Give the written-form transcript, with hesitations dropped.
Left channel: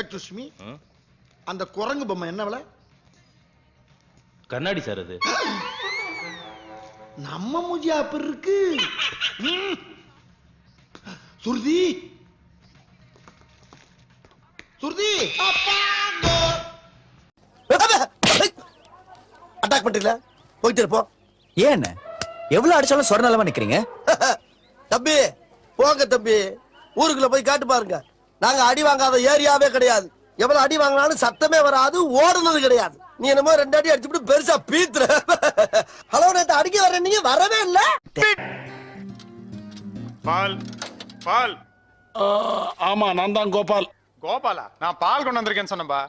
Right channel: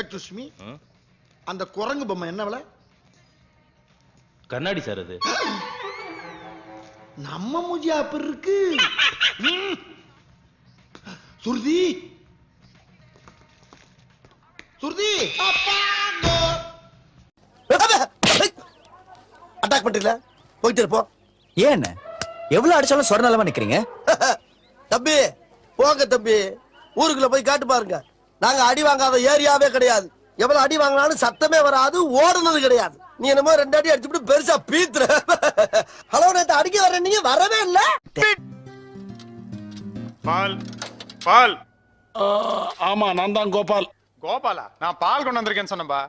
Excuse me, அந்த குரங்கு பொம்மை என்ன விலை? கண்ணாடி சார் அது. நம்ம மூஞ்சி அப்படி இருக்கு. சுருதி சுருதி அட்டாக் பண்றீங்களா? போயிட்டு இருப்போம். ஏன் எவ்வளவு அடிச்சாலும் சொரணாலமா நிக்கிறீங்க? தம்பி போங்க தம்பி, ஊருக்குள்ள போய் காட்டு பாருங்க. நாங்க அடி வாங்காத ஏரியாவே கிடையாது. எவ்வளவு அடி வாங்கினாலும் சத்தமே வராது, ஓடுனது கிடையாது. நீ என்னமோ 2 அடி அடிச்சுட்டு பெருசா பீத்துற. ஹலோ, நேத்து அடிக்க வர நீங்க வரவே இல்ல. பால் பால். ஆமா, நான் தான் கோபால். கோபாலா? நான் பால் கொண்டு வந்திருக்கேன்னு சொன்னப்பா.